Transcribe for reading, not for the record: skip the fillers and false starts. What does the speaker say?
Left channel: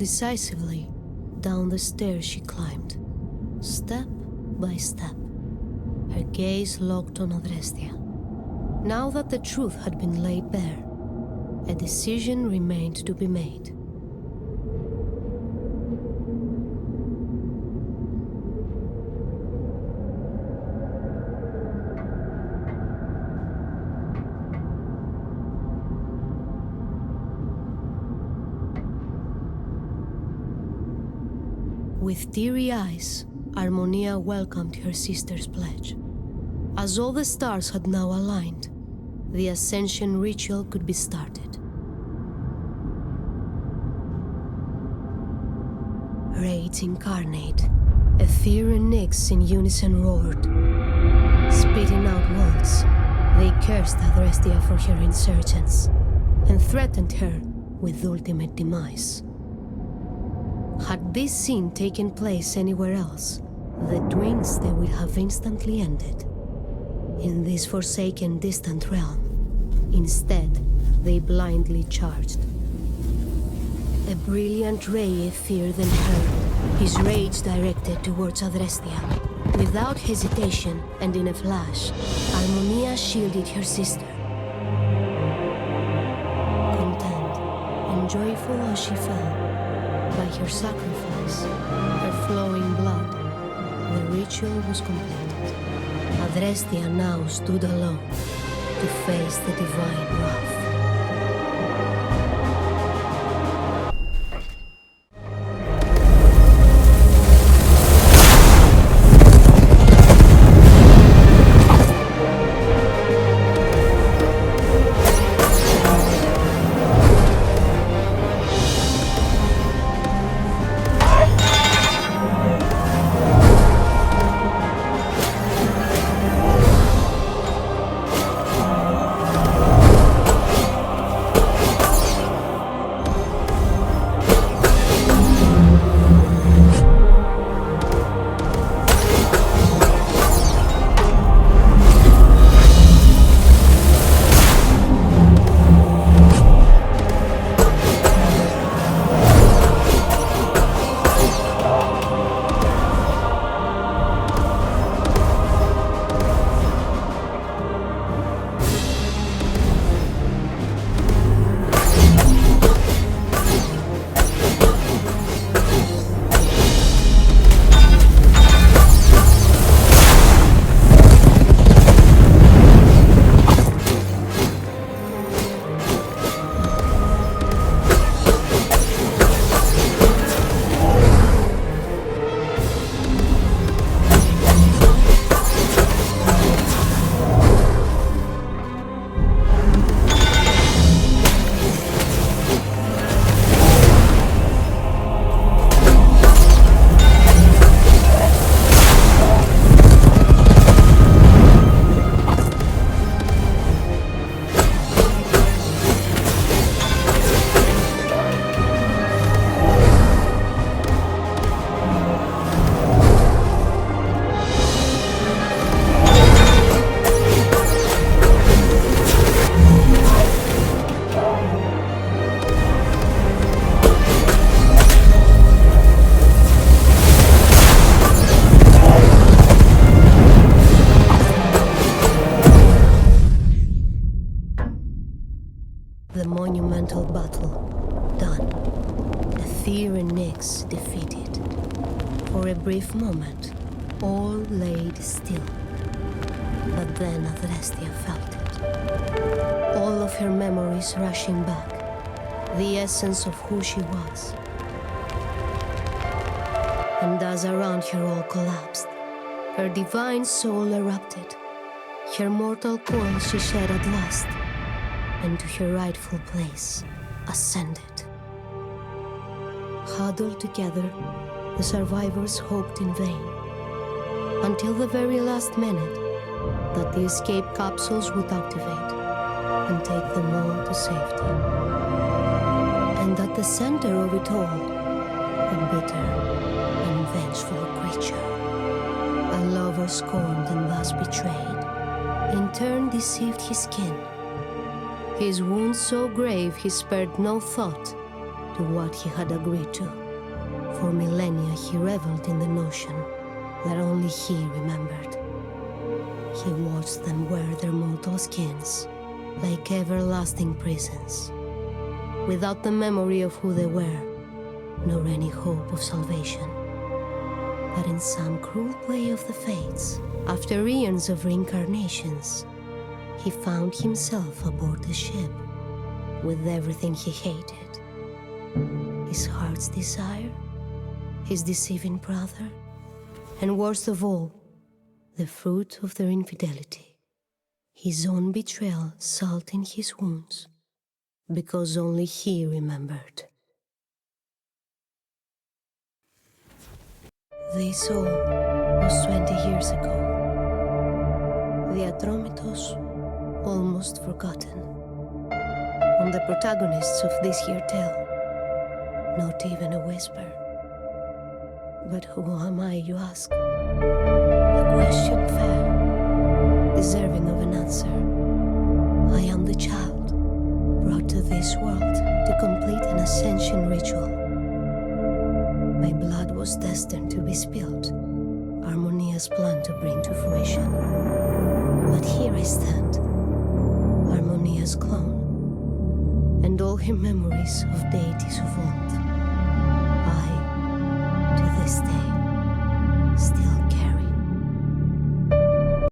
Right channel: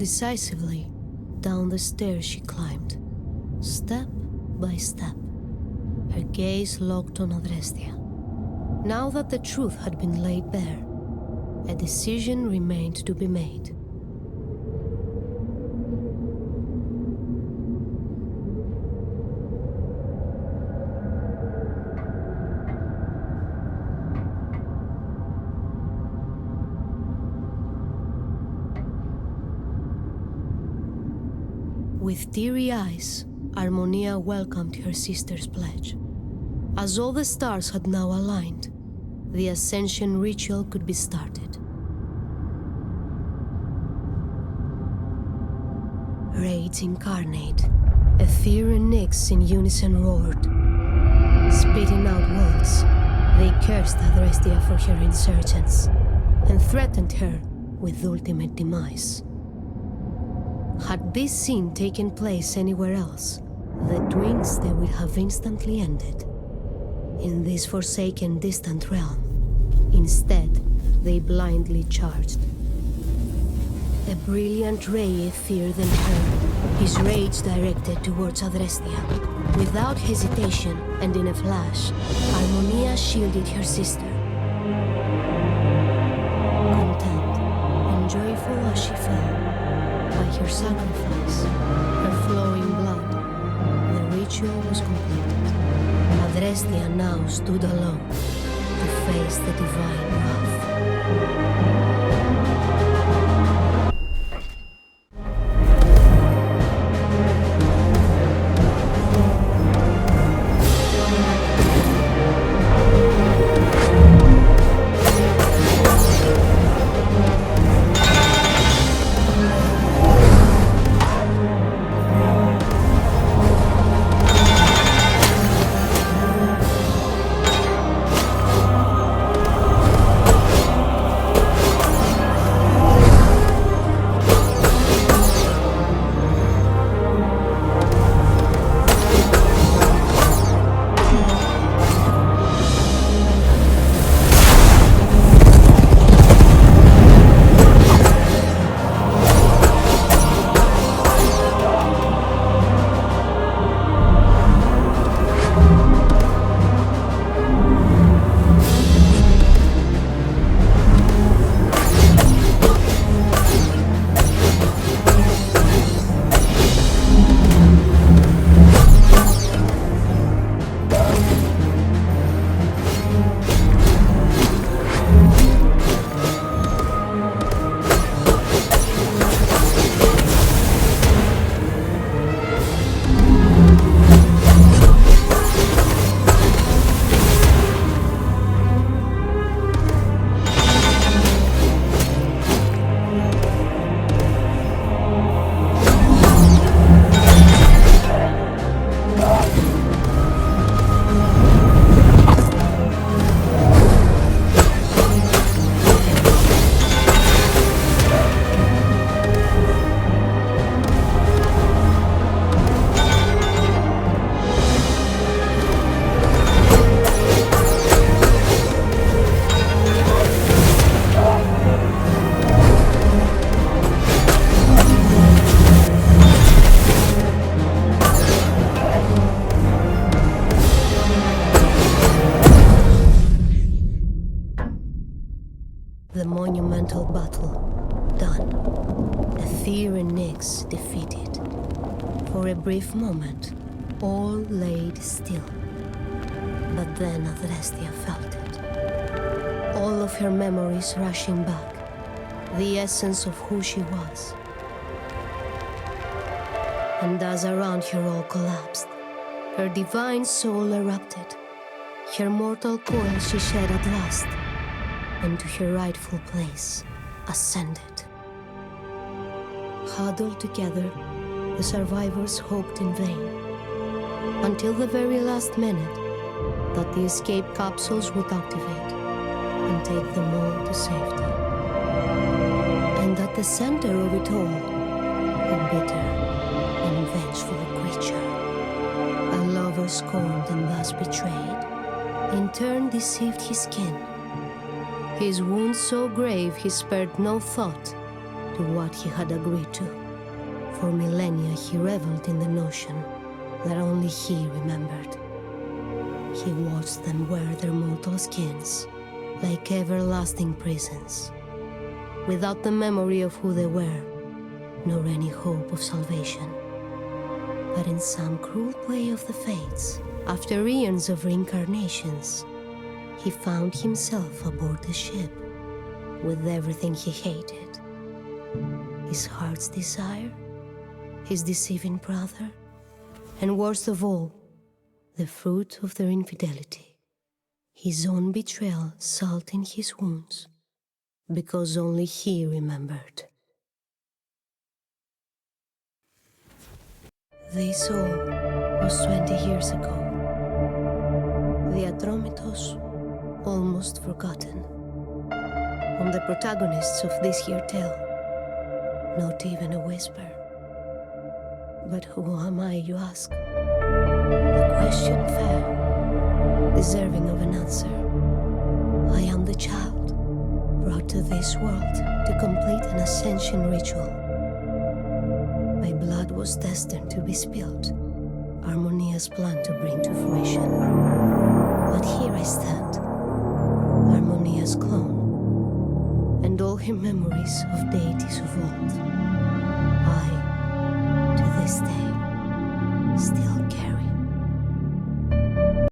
Decisively, down the stairs she climbed, step by step, her gaze locked on Adrestia. Now that the truth had been laid bare, a decision remained to be made. With teary eyes, Harmonia welcomed her sister's pledge. As all the stars had now aligned, the ascension ritual could be started. Raids incarnate, Ether and Nyx in unison roared. Spitting out words, they cursed Adrestia for her insurgence and threatened her with ultimate demise. Had this scene taken place anywhere else, the twins they would have instantly ended. In this forsaken, distant realm, instead, they blindly charged. A brilliant ray Ether then hurled, his rage directed towards Adrestia. Without hesitation and in a flash, Harmonia shielded her sister. Content and joyful as she fell, by her sacrifice, her flowing blood, the ritual was completed. Adrestia now stood alone to face the divine wrath. The monumental battle done. Ether and Nyx defeated. For a brief moment, all laid still. But then Adrestia felt it. All of her memories rushing back. The essence of who she was. And as around her all collapsed, her divine soul erupted. Her mortal coil she shed at last, and to her rightful place ascended. Huddled together, the survivors hoped in vain, until the very last minute, that the escape capsules would activate and take them all to safety. And at the center of it all, a bitter and vengeful creature, a lover scorned and thus betrayed, in turn deceived his kin. His wounds so grave he spared no thought to to what he had agreed to. For millennia he reveled in the notion that only he remembered. He watched them wear their mortal skins like everlasting prisons, without the memory of who they were, nor any hope of salvation. But in some cruel play of the fates, after eons of reincarnations, he found himself aboard the ship with everything he hated. His heart's desire, his deceiving brother, and worst of all, the fruit of their infidelity. His own betrayal salting his wounds, because only he remembered. This all was 20 years ago. The Atromitos almost forgotten. On the protagonists of this here tale, not even a whisper. But who am I, you ask? A question fair, deserving of an answer. I am the child, brought to this world to complete an ascension ritual. My blood was destined to be spilled, Harmonia's plan to bring to fruition. But here I stand, Harmonia's clone, and all her memories of deities of old, I, to this day, still carry.